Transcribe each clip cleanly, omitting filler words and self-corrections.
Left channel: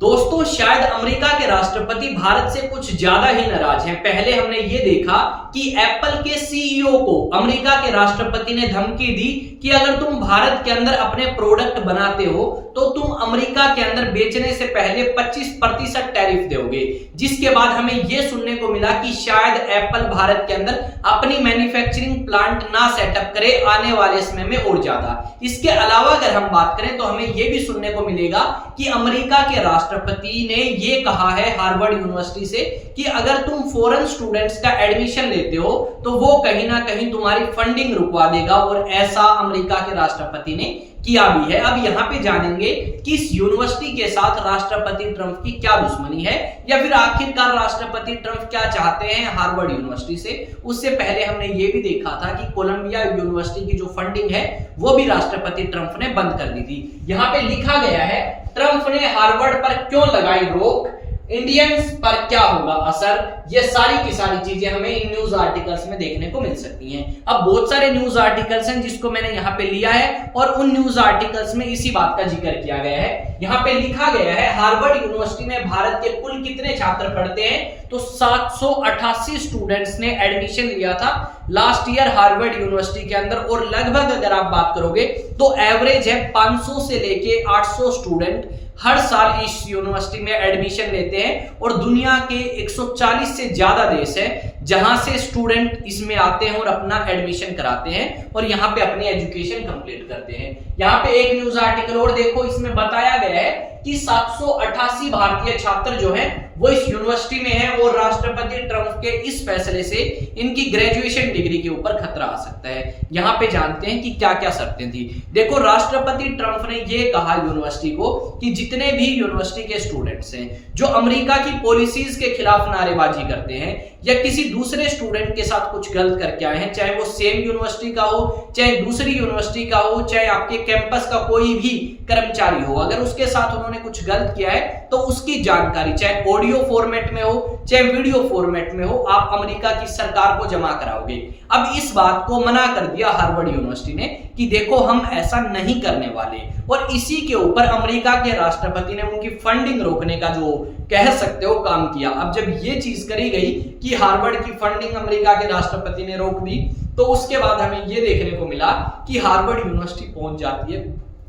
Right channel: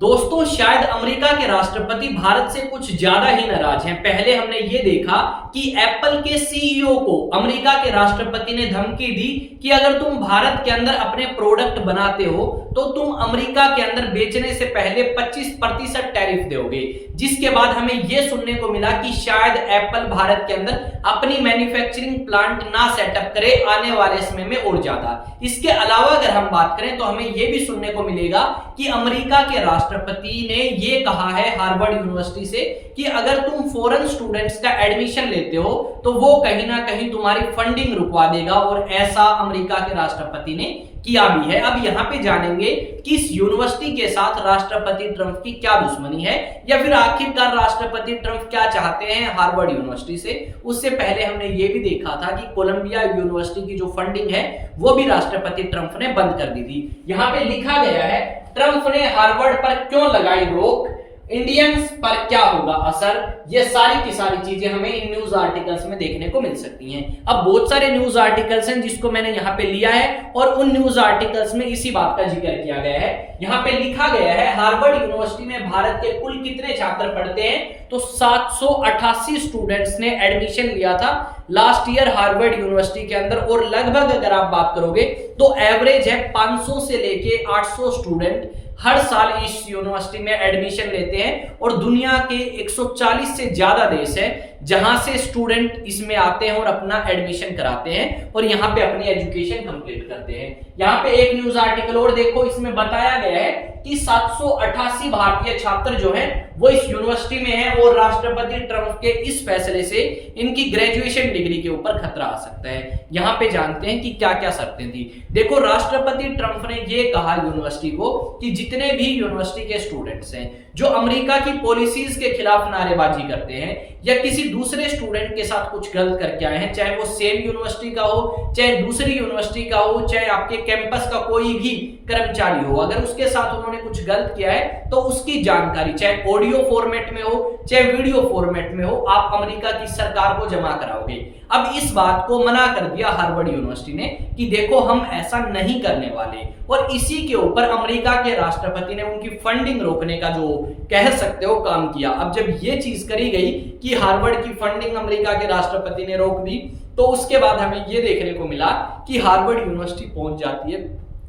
दोस्तों, शायद अमेरिका के राष्ट्रपति भारत से कुछ ज्यादा ही नाराज हैं। पहले हमने ये देखा कि एप्पल के सीईओ को अमेरिका के राष्ट्रपति ने धमकी दी कि अगर तुम भारत के अंदर अपने प्रोडक्ट बनाते हो तो तुम अमेरिका के अंदर बेचने से पहले 25% टैरिफ दोगे। जिसके बाद हमें यह सुनने को मिला कि शायद एप्पल भारत के अंदर अपनी मैन्युफैक्चरिंग प्लांट ना सेटअप करे आने वाले समय में और ज्यादा। इसके अलावा अगर हम बात करें तो हमें यह भी सुनने को मिलेगा कि अमेरिका के राष्ट्रपति ने यह कहा है हार्वर्ड यूनिवर्सिटी से कि अगर तुम फॉरेन स्टूडेंट्स का एडमिशन लेते हो तो वो कहीं ना कहीं तुम्हारी फंडिंग रुकवा देगा, और ऐसा अमेरिका के राष्ट्रपति ने किया भी है। अब यहाँ पे जानेंगे कि इस यूनिवर्सिटी के साथ राष्ट्रपति ट्रंप की क्या दुश्मनी है, या फिर आखिरकार राष्ट्रपति ट्रंप क्या चाहते हैं हार्वर्ड यूनिवर्सिटी से। उससे पहले हमने ये भी देखा था कि कोलंबिया यूनिवर्सिटी की जो फंडिंग है वो भी राष्ट्रपति ट्रंप ने बंद कर दी थी। यहाँ पे लिखा गया है ट्रंप ने हार्वर्ड पर क्यों लगाई रोक, इंडियंस पर क्या होगा असर। ये सारी की सारी चीजें हमें इन न्यूज आर्टिकल्स में देखने को मिल सकती हैं। अब बहुत सारे न्यूज आर्टिकल्स हैं जिसको मैंने यहाँ पे लिया है और उन न्यूज आर्टिकल्स में इसी बात का जिक्र किया गया है। यहाँ पे लिखा गया है हार्वर्ड यूनिवर्सिटी में भारत के कुल कितने छात्र पढ़ते हैं, तो 788 स्टूडेंट्स ने एडमिशन लिया था लास्ट ईयर हार्वर्ड यूनिवर्सिटी के अंदर, और लगभग अगर आप बात करोगे तो एवरेज है 500 से लेके 800 स्टूडेंट हर साल इस यूनिवर्सिटी में एडमिशन लेते हैं। और दुनिया के 140 से ज्यादा देश है जहां से स्टूडेंट इसमें आते हैं और अपना एडमिशन कराते हैं और यहां पे अपनी एजुकेशन कंप्लीट करते हैं। यहां पे एक न्यूज आर्टिकल और देखो, इसमें बताया गया है कि 788 भारतीय छात्र जो हैं वो इस यूनिवर्सिटी में हैं, और राष्ट्रपति ट्रंप के इस फैसले से इनकी ग्रेजुएशन डिग्री के ऊपर खतरा आ सकता है। यहां पे जानते हैं कि क्या क्या शर्तें थी। देखो, राष्ट्रपति ट्रंप ने ये कहा यूनिवर्सिटी को कि जितने भी यूनिवर्सिटी के स्टूडेंट्स हैं जो अमेरिका की पॉलिसीज के खिलाफ नारेबाजी करते हैं या किसी दूसरे स्टूडेंट के साथ कुछ गलत करके आए हैं, चाहे वो सेम यूनिवर्सिटी का हो, चाहे दूसरी यूनिवर्सिटी का हो, चाहे आपके कैंपस का कोई भी कर्मचारी हो, अगर उसके साथ उन्होंने कुछ गलत किया है तो उसकी जानकारी चाहे ऑडियो फॉर्मेट में हो चाहे वीडियो फॉर्मेट में हो, आप अमेरिका की सरकार को जमा कराओगे। अब इस बात को मना कर दिया हार्वर्ड यूनिवर्सिटी ने कि देखो हम ऐसा नहीं करने वाले, और इसी के ऊपर अमेरिका के राष्ट्रपति ने उनकी फंडिंग रोकने का जो कह सकते हो काम किया। अब जब ये चीज करी गई कि हार्वर्ड की फंडिंग अमेरिका के राष्ट्रपति ने रोक दी, तो उसके बाद हमें ये देखने को मिला कि हार्वर्ड यूनिवर्सिटी पहुंच जाती है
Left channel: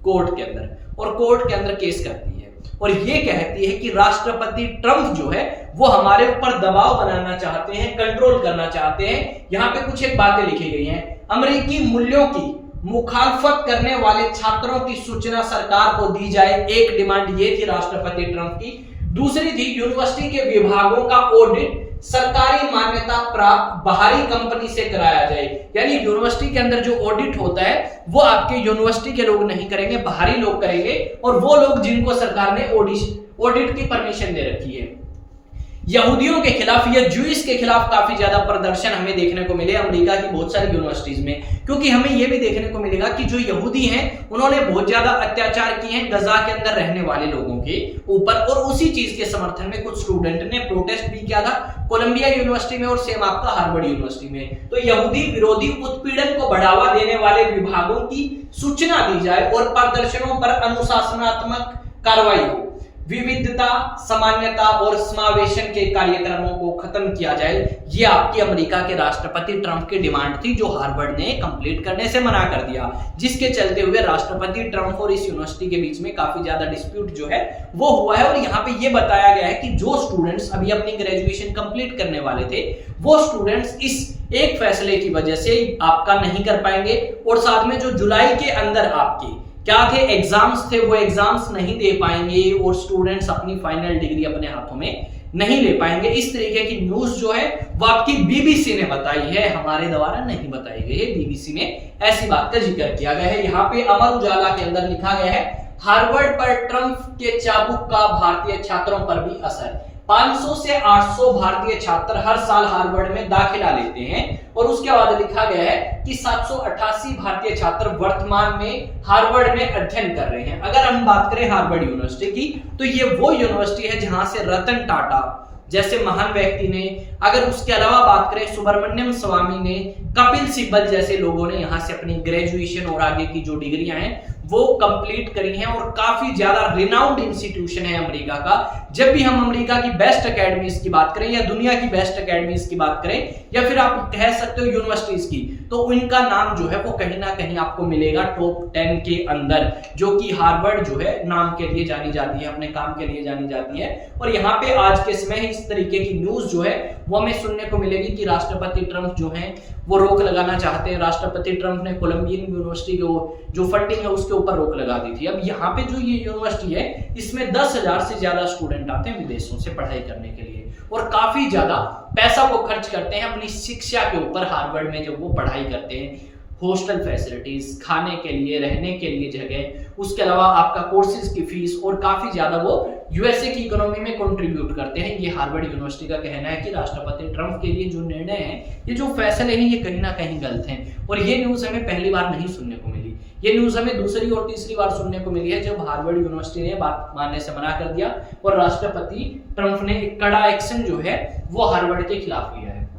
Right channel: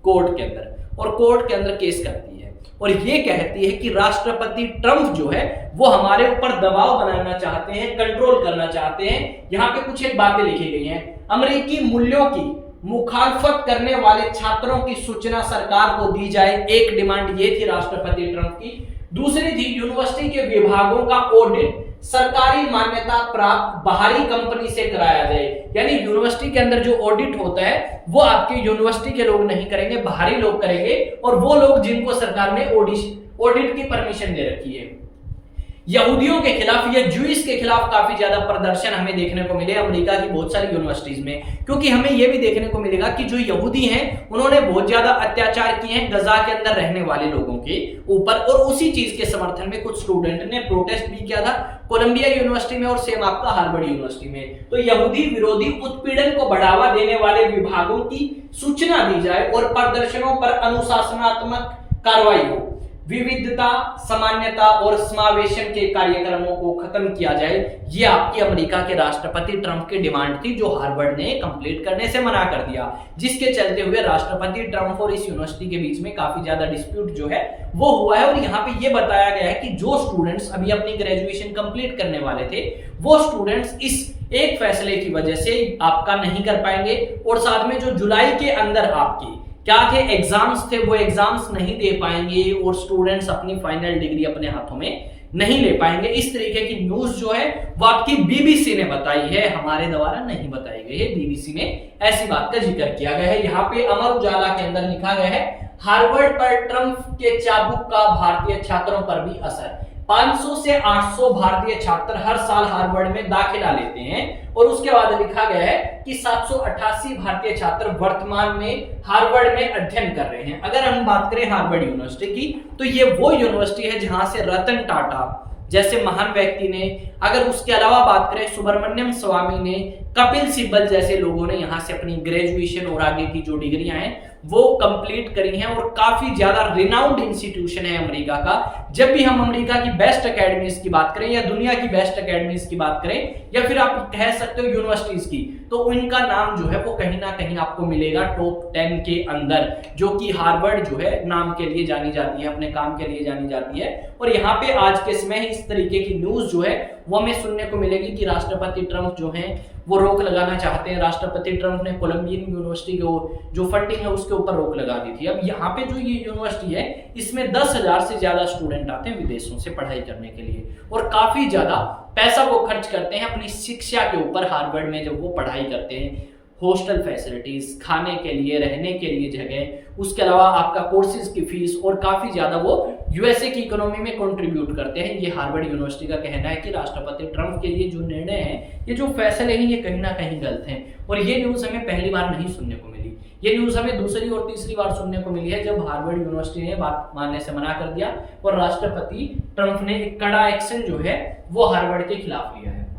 कोर्ट के अंदर, और कोर्ट के अंदर केस करती है और ये कहती है कि राष्ट्रपति ट्रंप जो है वो हमारे ऊपर दबाव बनाना चाहते हैं, कंट्रोल करना चाहते हैं। यहाँ पे कुछ एक बातें लिखी गई हैं। अमेरिकी मूल्यों की मुखालफत करने वाले छात्रों की सूचना सरकार को दी जाए, एक डिमांड ये थी राष्ट्रपति ट्रंप की। दूसरी थी यूनिवर्सिटी के विभागों का ऑडिट सरकारी मान्यता प्राप्त बाहरी कंपनी से कराया जाए, यानी यूनिवर्सिटी के अंदर जो ऑडिट होता है वो आपके यूनिवर्सिटी के लोग नहीं करेंगे, बाहरी लोग करेंगे, और वो लोग जिनको सरकार ने ऑडिट की परमिशन दे रखी है। यहूदियों के खिलाफ या ज्यूइश के खिलाफ काफी ज्यादा प्रदर्शन हमें देखने को मिले अमेरिका की बहुत सारी यूनिवर्सिटीज में, क्योंकि हमें यह भी देखने को मिलेगा कि जो यहूदी हैं उन्होंने बहुत ज्यादा अत्याचार किए हैं गजा के अंदर रहने वाले लोगों के ऊपर, और उसी चीज के समर्थन में कुछ स्टूडेंट ने प्रोटेस्ट भी किया था कोलंबिया यूनिवर्सिटी में और सेम आपका हार्वर्ड यूनिवर्सिटी में। तो यहूदी विरोधी उत्पीड़न को बढ़ावा देने वाले विभागों की सूचना दी जाए और प्रदर्शनों पर अनुशासनात्मक कार्रवाई हो, विविधता, सामान्यता और समावेशन के कार्यक्रमों को खत्म किया जाए। ये आपकी अमेरिका के राष्ट्रपति ट्रंप की डिमांड थी जो हार्वर्ड ने कंप्लीट करने से मना कर दिया, जिसके चलते हुए राष्ट्रपति ट्रंप और इस यूनिवर्सिटी के बीच में काफी ज्यादा डिस्प्यूट जो है वो हुआ है। और यहाँ पे ये बताया गया है कि जो स्टूडेंट्स अभी अपनी ग्रेजुएशन कंप्लीट करने वाले थे वो स्टूडेंट्स इस एक फैसले की वजह से आपका नहीं कर पाएंगे, और साथ में जो जुलाई के अंदर आपके क्या थे एग्जाम्स थे वो एग्जाम्स नहीं दे पाएंगे, और स्टूडेंट्स अपनी फाइनल डिग्री अपने हाथों में नहीं ले पाएंगे। इस तरीके की न्यूज जो है वो आपकी बीबीसी ने बताई है, हमारे द्वारा नहीं बताई गई है, बीबीसी ने ऐसी बात का जिक्र किया गया है। यहाँ पे अमर उजाला के अंदर लिखा गया है हार्वर्ड पर ट्रंप के चाबुक का भारतीय छात्रों पर भी असर। 500 से 800 भारतीय छात्र हर साल हार्वर्ड में दाखिला लेते हैं, और उसके बाद लिखा गया है कि 788 भारतीय छात्र वर्तमान में हार्वर्ड में अध्ययन कर रहे हैं। अगर हम बात करें हार्वर्ड यूनिवर्सिटी की तो ये वो यूनिवर्सिटी है जहां से रतन टाटा जैसे महान व्यक्ति ने, अगर उसके अलावा बात करें सुब्रमण्यम स्वामी ने, कपिल सिब्बल जैसे लोगों ने यहाँ से अपनी ग्रेजुएशन और आगे की जो डिग्रियां हैं वो कंप्लीट करी हैं और काफी ज्यादा रिनाउंड इंस्टीट्यूशन है अमेरिका का। जब भी हम अमेरिका की बेस्ट एकेडमीज की बात करें या दुनिया की बेस्ट एकेडमीज की बात करें या फिर आप कह सकते हो यूनिवर्सिटीज की, तो उनका नाम जो है वो कहीं ना कहीं आपको मिलेगा टॉप 10 के अंदर, जो कि हार्वर्ड जो है नाम के लिए जानी जाती है, अपने काम के लिए जानी जाती है। और यहाँ पे आज के समय इस तरीके की न्यूज जो है वो हमें सुनने को मिलेगी कि राष्ट्रपति ट्रंप जो हैं वो रोक लगाना चाहते हैं। राष्ट्रपति ट्रंप ने कोलंबियन यूनिवर्सिटी के जो फंडिंग है उसके ऊपर रोक लगा दी थी। अब यहाँ पे जो ये यूनिवर्सिटी है इसमें 10,000 से ज्यादा स्टूडेंट आते हैं विदेशों से पढ़ाई करने के लिए और काफी ज्यादा पैसा वो खर्च करते हैं अपनी शिक्षा के ऊपर। हार्वर्ड में जब वो पढ़ाई करते हैं, हॉस्टल फैसिलिटीज, खाने के लिए, रहने के लिए जगह, उसके अलावा आपका कोर्सेज की फीस और काफी ज्यादा वो यूएसए की इकोनॉमी में कंट्रीब्यूट करते हैं। ये हार्वर्ड यूनिवर्सिटी का कहना है कि राष्ट्रपति ट्रंप के लिए जो निर्णय है, ये जो फैसले हैं, ये कहीं ना कहीं गलत हैं। और ये न्यूज हमें पहली बार नहीं सुनने को मिली, ये न्यूज हमें दूसरी और तीसरी बार सुनने को मिली है जब हार्वर्ड यूनिवर्सिटी ने बात मानने से मना कर दिया और राष्ट्रपति ट्रंप ने एक कड़ा एक्शन जो है वो हार्वर्ड के खिलाफ लिया है।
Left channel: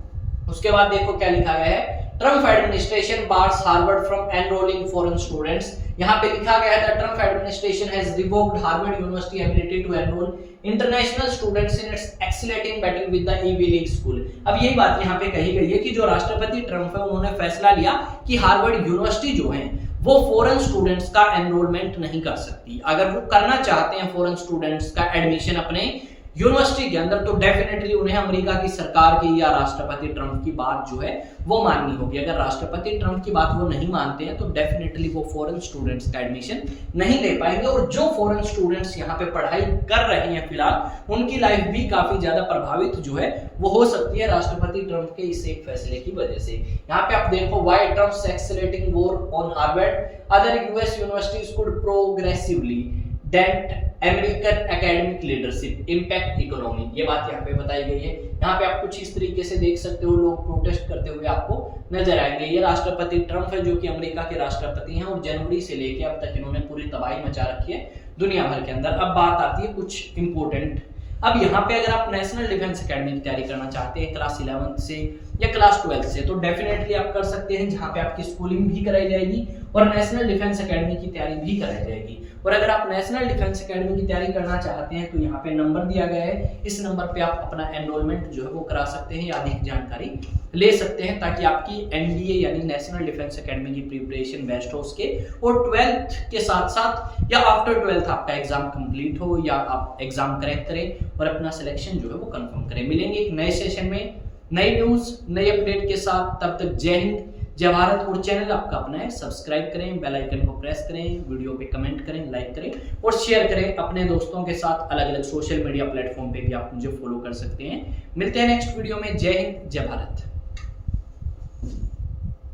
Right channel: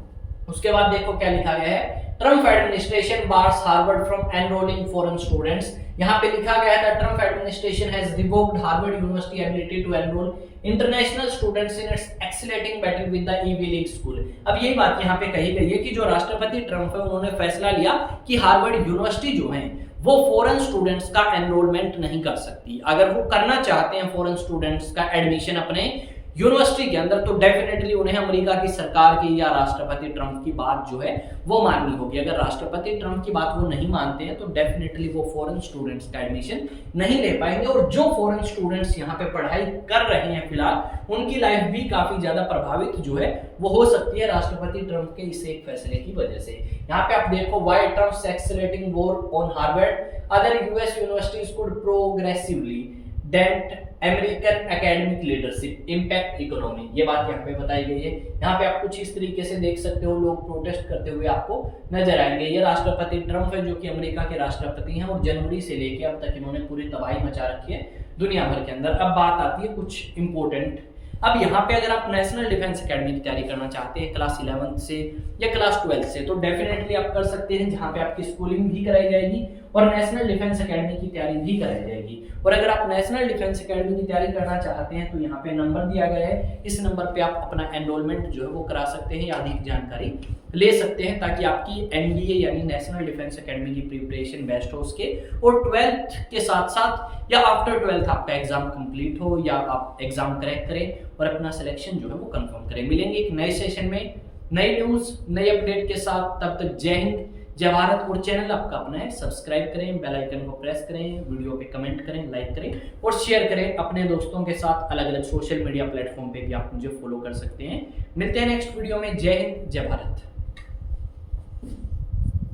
उसके बाद देखो क्या लिखा गया है, Trump administration bars Harvard from enrolling foreign students. यहाँ पे लिखा गया था Trump administration has revoked Harvard University ability to enrol international students in its accelerating battle with the Ivy League school. अब यही बात यहाँ पे कही गई है कि जो राष्ट्रपति ट्रंप है उन्होंने फैसला लिया कि हार्वर्ड यूनिवर्सिटी जो है वो फॉरेन स्टूडेंट्स का एनरोलमेंट नहीं कर सकती। अगर वो करना चाहते हैं फॉरेन स्टूडेंट्स का एडमिशन अपने यूनिवर्सिटी के अंदर, तो डेफिनेटली उन्हें अमेरिका की सरकार की या राष्ट्रपति ट्रंप की बात जो है वो माननी होगी। अगर राष्ट्रपति ट्रंप की बात वो नहीं मानते हैं तो डेफिनेटली वो फॉरेन स्टूडेंट्स का एडमिशन नहीं ले पाएंगे। और जो फॉरेन स्टूडेंट्स यहाँ पे पढ़ाई कर रहे हैं फिलहाल, उनकी लाइफ भी काफी ज्यादा प्रभावित जो है वो हो सकती है राष्ट्रपति ट्रंप के इस एक फैसले की वजह से। यहाँ पे आप देखो, why Trump's accelerating war on Harvard, other US universities could progressively dent American academic leadership impact economy. ये बात यहाँ पे बताई गई है। यहाँ पे आप कुछ इस तरीके से देख सकते हो, लोग प्रोटेस्ट करते हुए आपको नजर आएंगे। ये राष्ट्रपति ट्रंप है जो कि अमेरिका के राष्ट्रपति हैं और जनवरी से लेके अब तक इन्होंने पूरी तबाही मचा रखी है दुनिया भर के अंदर। अब बात आती है कुछ इंपोर्टेंट। अब यहाँ पे अगर आप नेशनल डिफेंस एकेडमी की तैयारी करना चाहते हैं क्लास 11 से या क्लास 12 से, तो डेफिनेटली आप कर सकते हैं, जहाँ पे आपकी स्कूलिंग भी कराई जाएगी और नेशनल डिफेंस एकेडमी की तैयारी भी कराई जाएगी। और अगर आप नेशनल डिफेंस एकेडमी की तैयारी करना चाहते हैं तो यहाँ पे नंबर दिया गया है, इस नंबर पे आप अपना एनरोलमेंट जो है वो करा सकते हैं या अधिक जानकारी ले सकते हैं, ताकि आपकी एनडीए यानी नेशनल डिफेंस एकेडमी की प्रिपरेशन बेस्ट हो उसके, और 12th के साथ साथ या आफ्टर 12th आपका एग्जाम कंप्लीट हो या आप एग्जाम क्रैक करें और अपना सिलेक्शन जो है वो कंफर्म करें। मिलेंगे एक नए सेशन में नई न्यूज नई अपडेट के साथ। तब तक जय हिंद जय भारत। और चैनल आपका अपना है, सब्सक्राइब करें, बेल आइकन को प्रेस करें, वीडियो पे कमेंट करें, लाइक करें और शेयर करें अपने दोस्तों के साथ। अलग अलग सोशल मीडिया प्लेटफॉर्म पे भी आप मुझे फॉलो कर सकते हैं। मिलते हैं नेक्स्ट वीडियो में। जय हिंद जय भारत।